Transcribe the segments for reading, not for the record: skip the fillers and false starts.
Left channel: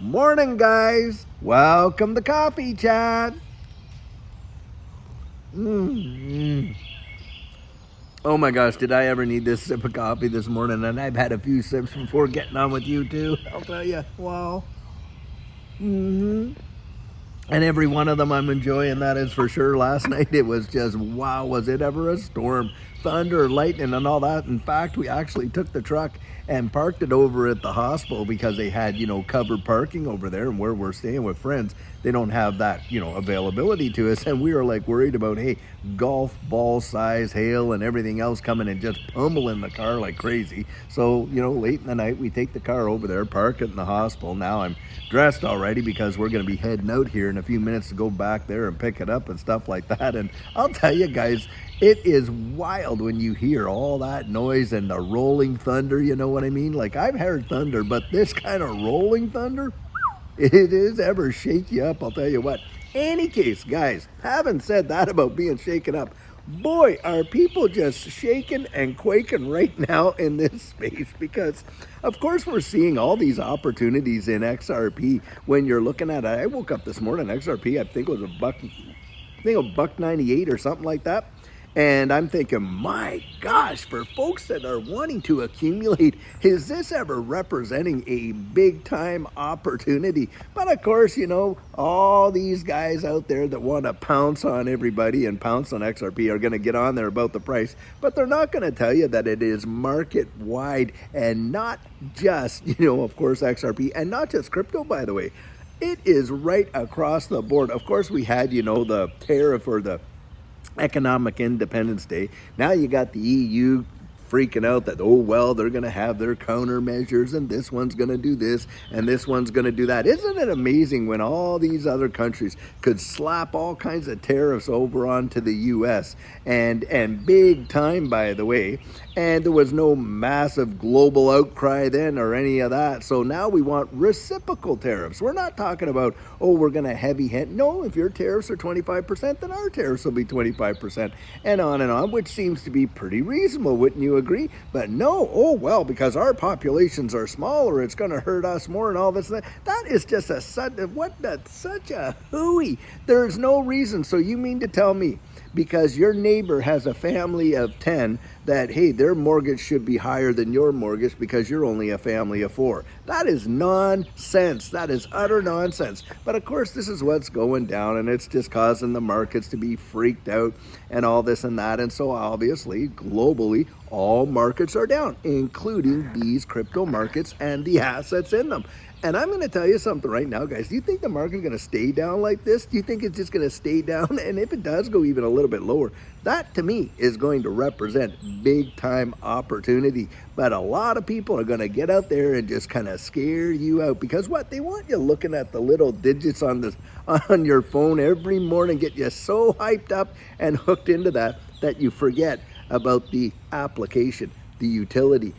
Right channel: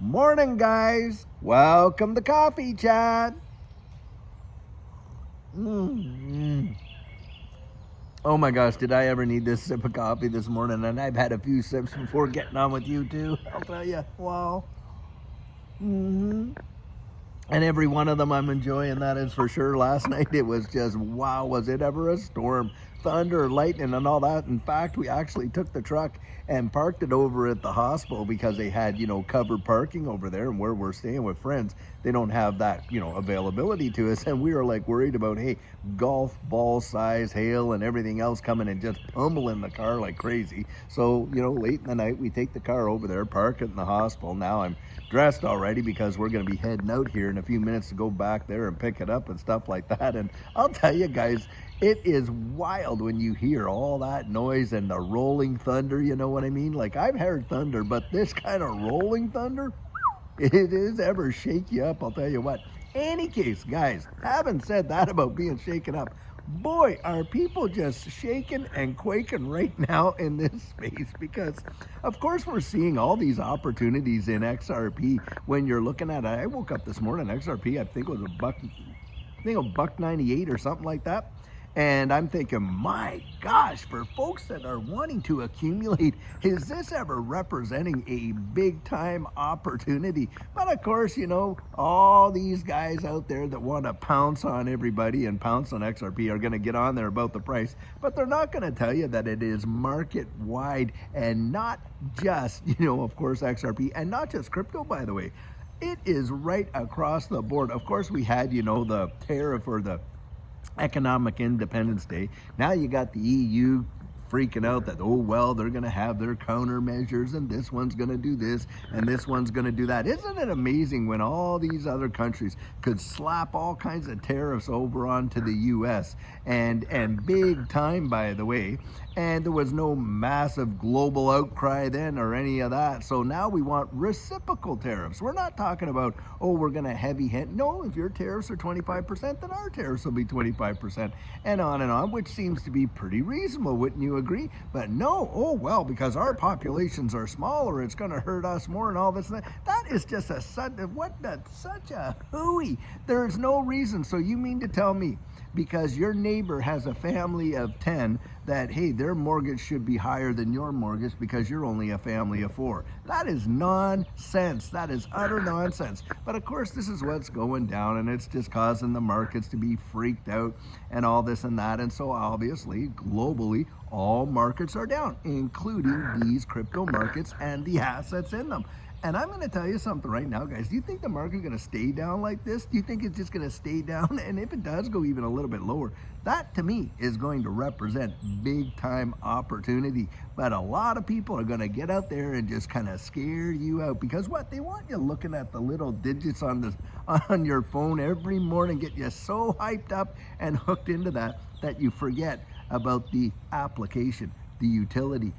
Morning, guys. Welcome to Coffee Chat. Mm. Oh my gosh, did I ever need this sip of coffee this morning? And I've had a few sips before getting on with you too. I'll tell you. Wow. hmm And every one of them I'm enjoying, that is for sure. Last night it was just, wow, was it ever a storm? Thunder, lightning, and all that. In fact, we actually took the truck and parked it over at the hospital because they had, covered parking over there. And where we're staying with friends, they don't have that, availability to us. And we were like worried about, hey, golf ball size hail and everything else coming and just pummeling the car like crazy. So, late in the night, we take the car over there, park it in the hospital. Now I'm dressed already because we're going to be heading out here in a few minutes to go back there and pick it up and stuff like that. And I'll tell you guys, it is wild when you hear all that noise and the rolling thunder, you know what I mean? Like, I've heard thunder, but this kind of rolling thunder, it is ever shake you up, I'll tell you what. Any case, guys, having said that about being shaken up, boy, are people just shaking and quaking right now in this space because, of course, we're seeing all these opportunities in XRP when you're looking at it. I woke up this morning, XRP, I think it was a buck 98 or something like that. And I'm thinking, my gosh, for folks that are wanting to accumulate, is this ever representing a big time opportunity? But of course, all these guys out there that want to pounce on everybody and pounce on XRP are going to get on there about the price, but they're not going to tell you that it is market wide and not just, of course, XRP and not just crypto, by the way. It is right across the board. Of course, we had, the tariff or the Economic Independence Day. Now you got the EU freaking out that, oh, well, they're going to have their countermeasures and this one's going to do this and this one's going to do that. Isn't it amazing when all these other countries could slap all kinds of tariffs over onto the US and big time, by the way, and there was no massive global outcry then or any of that. So now we want reciprocal tariffs. We're not talking about, oh, we're going to heavy hand. No, if your tariffs are 25%, then our tariffs will be 25% and on, which seems to be pretty reasonable, wouldn't you agree? But no, oh well, because our populations are smaller, it's going to hurt us more and all this and that. That is just such a hooey. There's no reason. So you mean to tell me because your neighbor has a family of 10 that, hey, their mortgage should be higher than your mortgage because you're only a family of 4? That is nonsense. That is utter nonsense. But of course, this is what's going down, and it's just causing the markets to be freaked out and all this and that. And so obviously, globally, all markets are down, including these crypto markets and the assets in them. And I'm going to tell you something right now, guys. Do you think the market's going to stay down like this? Do you think it's just going to stay down? And if it does go even a little bit lower, that to me is going to represent big time opportunity. But a lot of people are going to get out there and just kind of scare you out because what? They want you looking at the little digits on your phone every morning, get you so hyped up and hooked into that you forget about the application, the utility,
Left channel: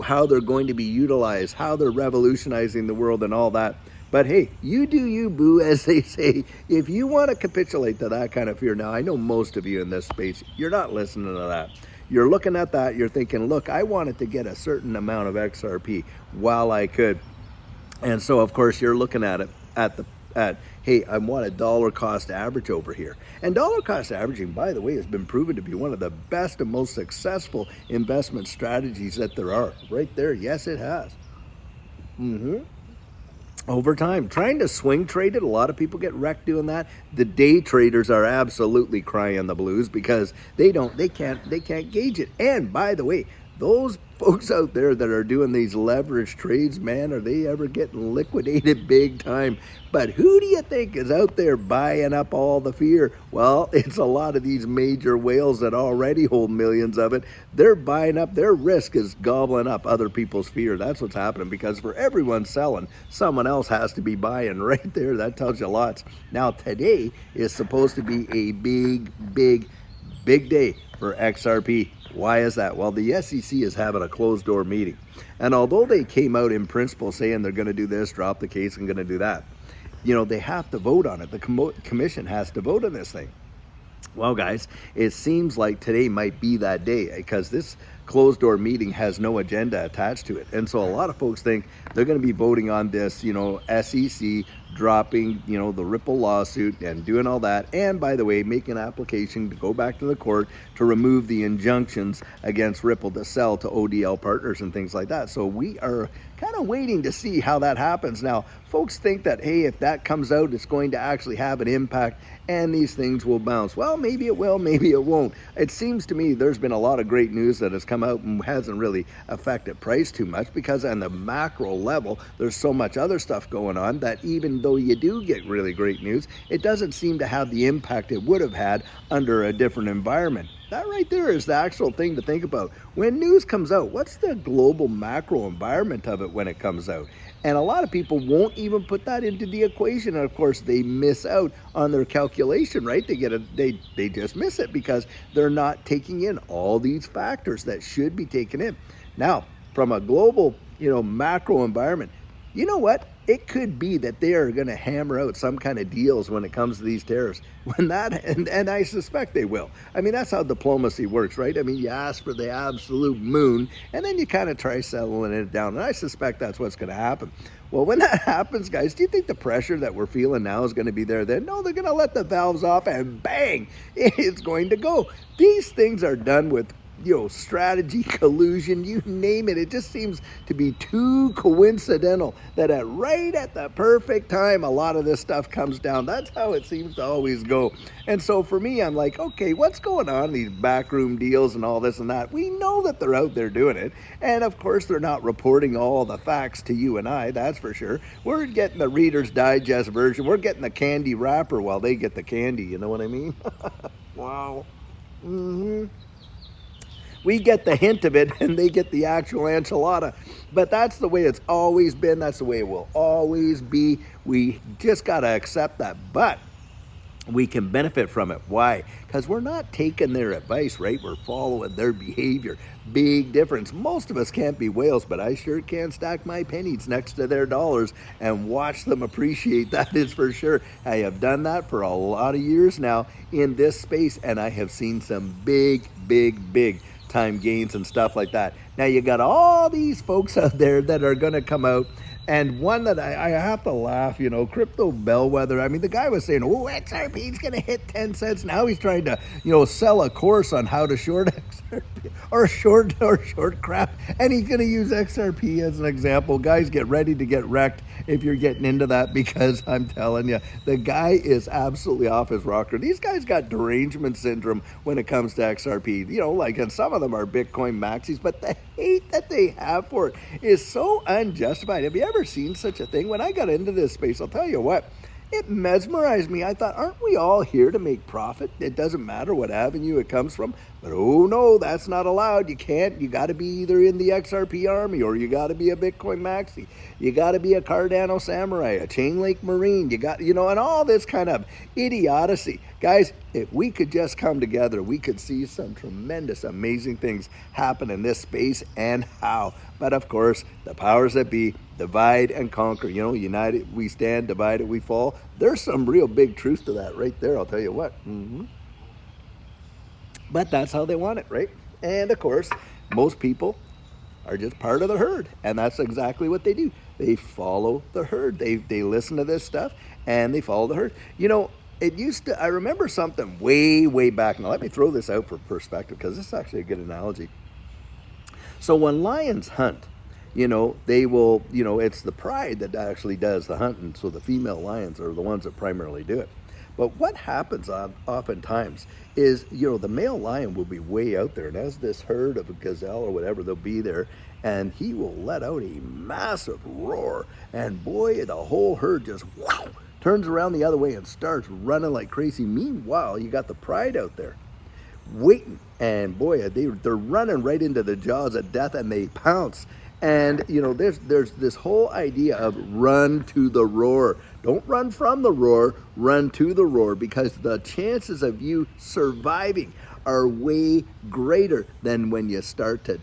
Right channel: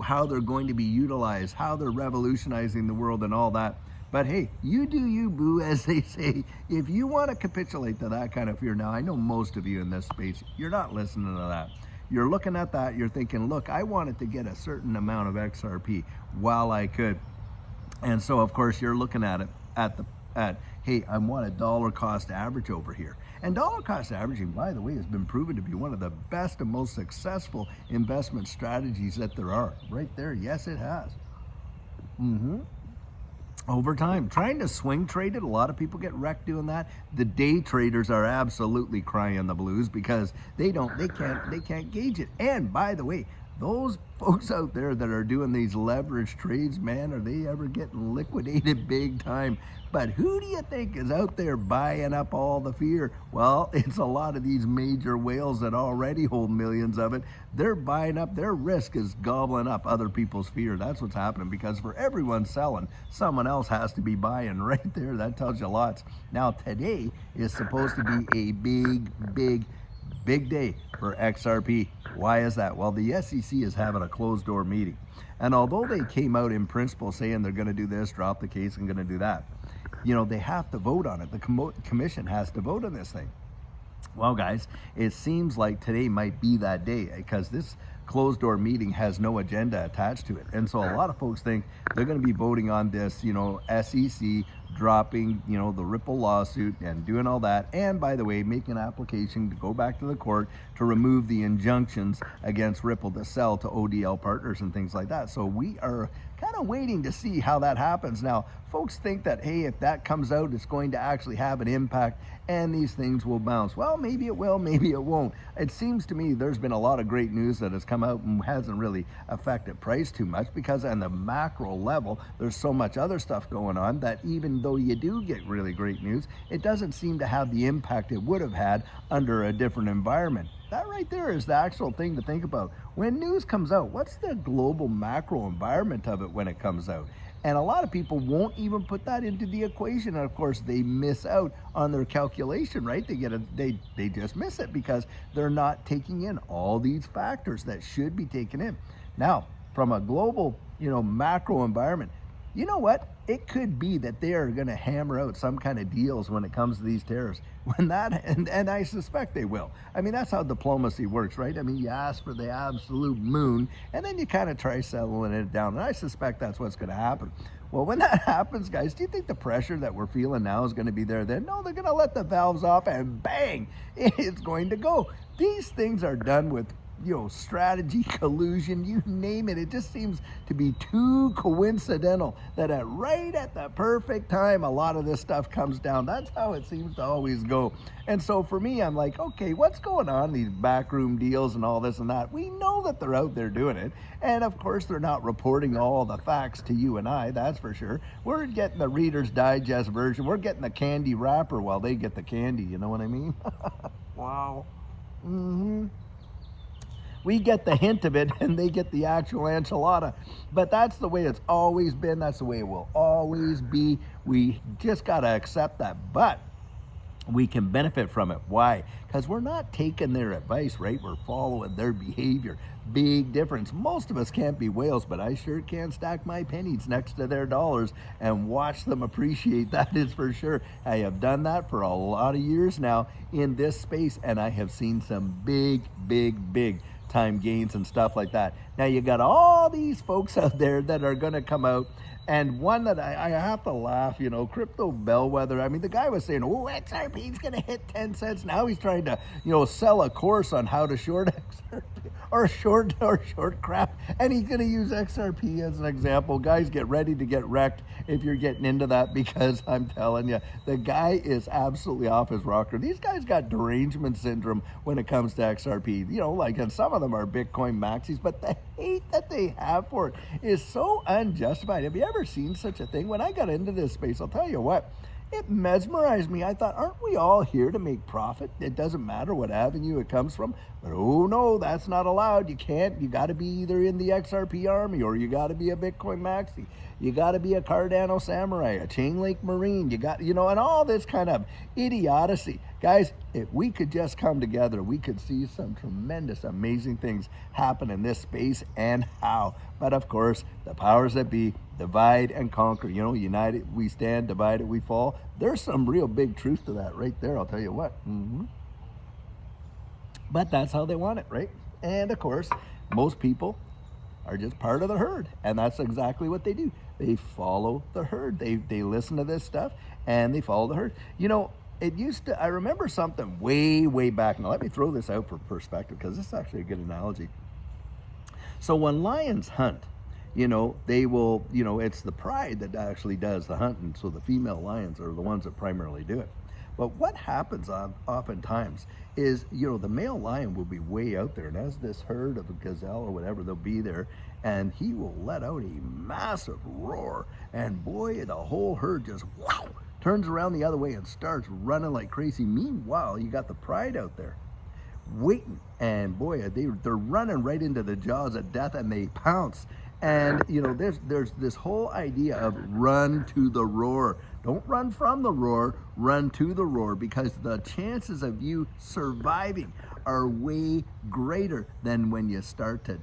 how they're going to be utilized, how they're revolutionizing the world and all that. But hey, you do you, boo, as they say. If you want to capitulate to that kind of fear, now I know most of you in this space, you're not listening to that. You're looking at that, you're thinking, look, I wanted to get a certain amount of XRP while I could. And so, of course, you're looking at it hey, I want a dollar cost average over here. And dollar cost averaging, by the way, has been proven to be one of the best and most successful investment strategies that there are. Right there, yes, it has. Over time, trying to swing trade it, a lot of people get wrecked doing that. The day traders are absolutely crying the blues because they can't gauge it. And by the way, those folks out there that are doing these leverage trades, man, are they ever getting liquidated big time? But who do you think is out there buying up all the fear? Well, it's a lot of these major whales that already hold millions of it. They're buying up, their risk is gobbling up other people's fear. That's what's happening because for everyone selling, someone else has to be buying right there. That tells you lots. Now, today is supposed to be a big day for XRP. Why is that? Well, the SEC is having a closed door meeting. And although they came out in principle saying they're going to do this, drop the case, and going to do that, they have to vote on it. The commission has to vote on this thing. Well, guys, it seems like today might be that day because this closed door meeting has no agenda attached to it. And so a lot of folks think they're going to be voting on this, SEC dropping, the Ripple lawsuit and doing all that. And by the way, make an application to go back to the court to remove the injunctions against Ripple to sell to ODL partners and things like that. So we are kind of waiting to see how that happens. Now, folks think that, hey, if that comes out, it's going to actually have an impact and these things will bounce. Well, maybe it will, maybe it won't. It seems to me there's been a lot of great news that has come out and hasn't really affected price too much, because on the macro level, there's so much other stuff going on that even though you do get really great news, it doesn't seem to have the impact it would have had under a different environment. That right there is the actual thing to think about. When news comes out, what's the global macro environment of it when it comes out? And a lot of people won't even put that into the equation. And of course, they miss out on their calculation, right? They just miss it because they're not taking in all these factors that should be taken in. Now, from a global, macro environment, you know what? It could be that they are going to hammer out some kind of deals when it comes to these tariffs. And I suspect they will. I mean, that's how diplomacy works, right? I mean, you ask for the absolute moon, and then you kind of try settling it down. And I suspect that's what's going to happen. Well, when that happens, guys, do you think the pressure that we're feeling now is going to be there then? No, they're going to let the valves off, and bang, it's going to go. These things are done with strategy, collusion, you name it. It just seems to be too coincidental that right at the perfect time, a lot of this stuff comes down. That's how it seems to always go. And so for me, I'm like, okay, what's going on? These backroom deals and all this and that. We know that they're out there doing it. And of course, they're not reporting all the facts to you and I, that's for sure. We're getting the Reader's Digest version. We're getting the candy wrapper while they get the candy. You know what I mean? Wow. We get the hint of it and they get the actual enchilada. But that's the way it's always been. That's the way it will always be. We just got to accept that. But we can benefit from it. Why? Because we're not taking their advice, right? We're following their behavior. Big difference. Most of us can't be whales, but I sure can stack my pennies next to their dollars and watch them appreciate. That is for sure. I have done that for a lot of years now in this space, and I have seen some big time gains and stuff like that. Now you got all these folks out there that are going to come out, and one that I have to laugh, Crypto Bellwether. I mean, the guy was saying, oh, XRP is going to hit 10 cents. Now he's trying to, sell a course on how to short XRP or short crap. And he's going to use XRP as an example. Guys, get ready to get wrecked if you're getting into that, because I'm telling you, the guy is absolutely off his rocker. These guys got derangement syndrome when it comes to XRP. And some of them are Bitcoin maxis, but the hate that they have for it is so unjustified. Have you ever seen such a thing? When I got into this space, I'll tell you what, it mesmerized me. I thought, aren't we all here to make profit? It doesn't matter what avenue it comes from. But oh no, that's not allowed. You can't. You got to be either in the XRP army, or you got to be a Bitcoin maxi. You got to be a Cardano samurai, a Chainlink Marine. You got, and all this kind of idiocy. Guys, if we could just come together, we could see some tremendous, amazing things happen in this space. And how? But of course, the powers that be divide and conquer. United we stand, divided we fall. There's some real big truth to that right there. I'll tell you what. But that's how they want it, right? And of course, most people are just part of the herd, and that's exactly what they do. They follow the herd. They listen to this stuff and they follow the herd. It used to, I remember something way back. Now let me throw this out for perspective, because this is actually a good analogy. So when lions hunt, they will, it's the pride that actually does the hunting. So the female lions are the ones that primarily do it. But what happens oftentimes is, the male lion will be way out there, and as this herd of a gazelle or whatever, they'll be there, and he will let out a massive roar, and boy, the whole herd just turns around the other way and starts running like crazy. Meanwhile, you got the pride out there waiting, and boy, they're running right into the jaws of death, and they pounce. And there's this whole idea of run to the roar. Don't run from the roar, run to the roar, because the chances of you surviving are way greater than when you start to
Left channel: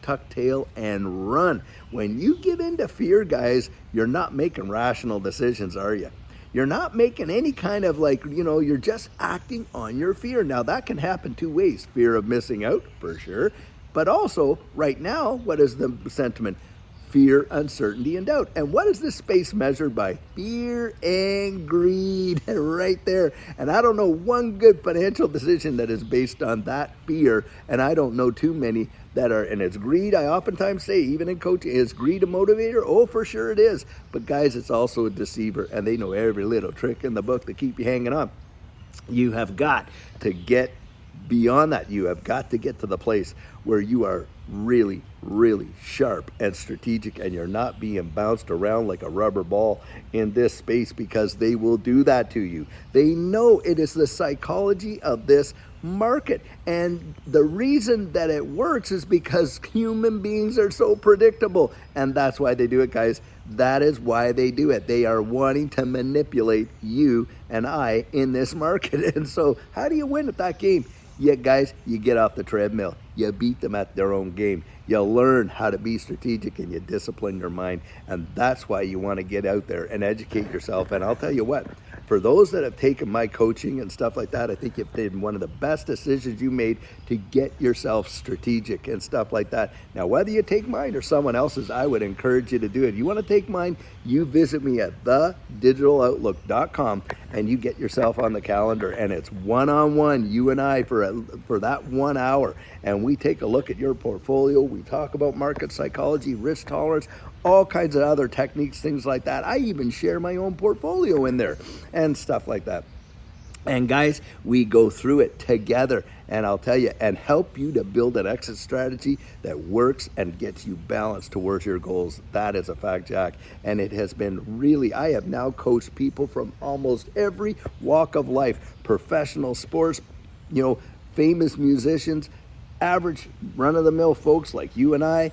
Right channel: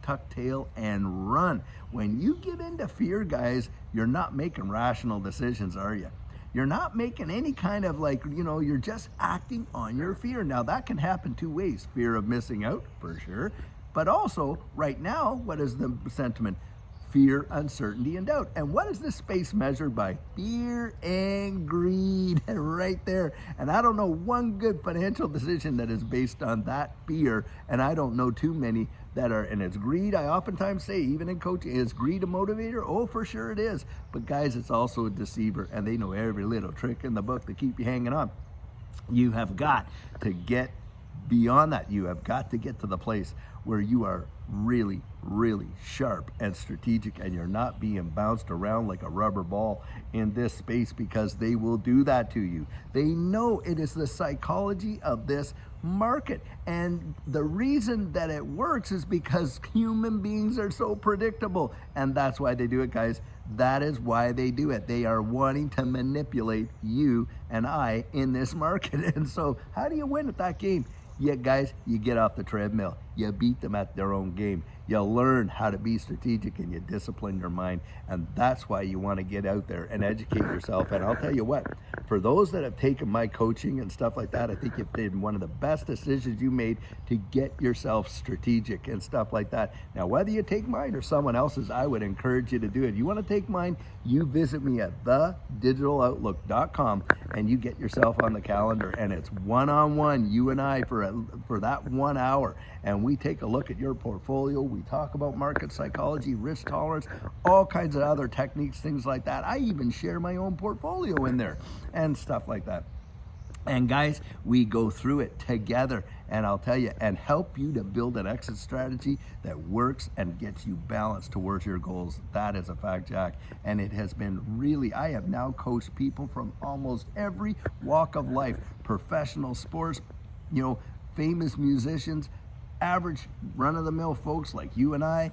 tuck tail and run. When you give in to fear, guys, you're not making rational decisions, are you? You're not making any kind of you're just acting on your fear. Now that can happen two ways. Fear of missing out, for sure. But also, right now, what is the sentiment? Fear, uncertainty, and doubt. And what is this space measured by? Fear and greed, right there. And I don't know one good financial decision that is based on that fear, and I don't know too many that are. And it's greed. I oftentimes say, even in coaching, is greed a motivator? Oh, for sure it is. But guys, it's also a deceiver, and they know every little trick in the book to keep you hanging on. You have got to get beyond that. You have got to get to the place where you are really, really sharp and strategic, and you're not being bounced around like a rubber ball in this space, because they will do that to you. They know it is the psychology of this market, and the reason that it works is because human beings are so predictable, and that's why they do it, guys. That is why they do it. They are wanting to manipulate you and I in this market. And so how do you win at that game? Yeah, guys, you get off the treadmill. You beat them at their own game. You learn how to be strategic, and you discipline your mind. And that's why you want to get out there and educate yourself. And I'll tell you what, for those that have taken my coaching and stuff like that, I think you've been one of the best decisions you made to get yourself strategic and stuff like that. Now, whether you take mine or someone else's, I would encourage you to do it. You want to take mine, you visit me at thedigitaloutlook.com, and you get yourself on the calendar, and it's one-on-one, you and I, for that 1 hour. And we take a look at your portfolio. We talk about market psychology, risk tolerance, all kinds of other techniques, things like that. I even share my own portfolio in there and stuff like that. And guys, we go through it together, and I'll tell you, and help you to build an exit strategy that works and gets you balanced towards your goals. That is a fact, Jack. And it has been really, I have now coached people from almost every walk of life, professional sports, famous musicians, average run-of-the-mill folks like you and I,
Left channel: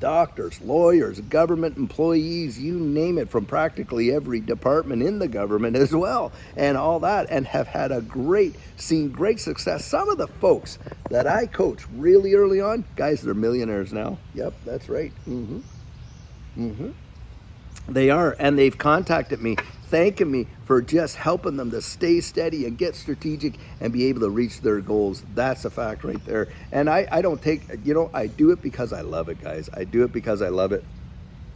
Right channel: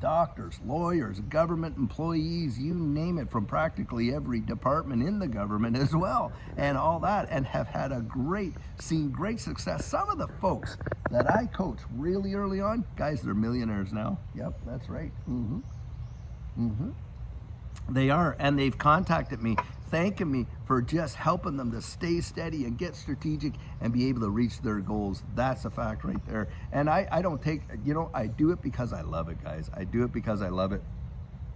doctors, lawyers, government employees, you name it, from practically every department in the government as well, and all that, and have had seen great success. Some of the folks that I coach really early on, guys, they're millionaires now. Yep, that's right. They are, and they've contacted me thanking me for just helping them to stay steady and get strategic and be able to reach their goals. That's a fact right there. And I don't take, I do it because I love it, guys. I do it because I love it.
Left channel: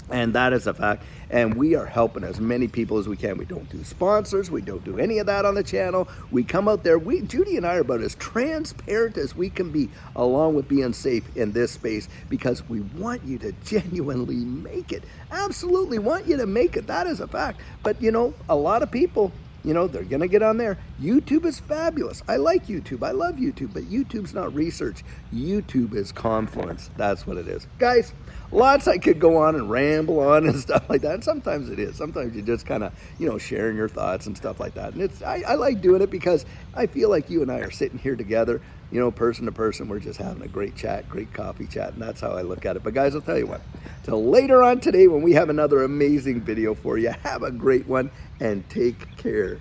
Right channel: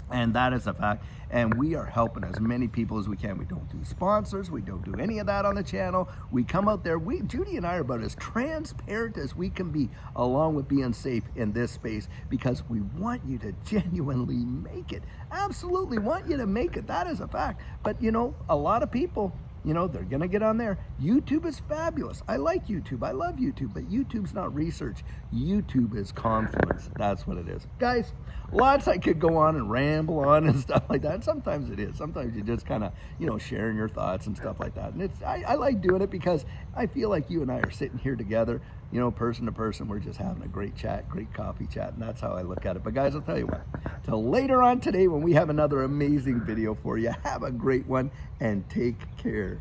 And that is a fact. And we are helping as many people as we can. We don't do sponsors. We don't do any of that on the channel. We come out there. Judy and I are about as transparent as we can be, along with being safe in this space, because we want you to genuinely make it. Absolutely want you to make it. That is a fact. But, a lot of people, they're going to get on there. YouTube is fabulous. I like YouTube. I love YouTube. But YouTube's not research. YouTube is confluence. That's what it is. Guys, lots I could go on and ramble on and stuff like that. And sometimes it is. Sometimes you just kind of, sharing your thoughts and stuff like that. And I like doing it because I feel like you and I are sitting here together, person to person. We're just having a great chat, great coffee chat. And that's how I look at it. But guys, I'll tell you what, till later on today when we have another amazing video for you, have a great one and take care.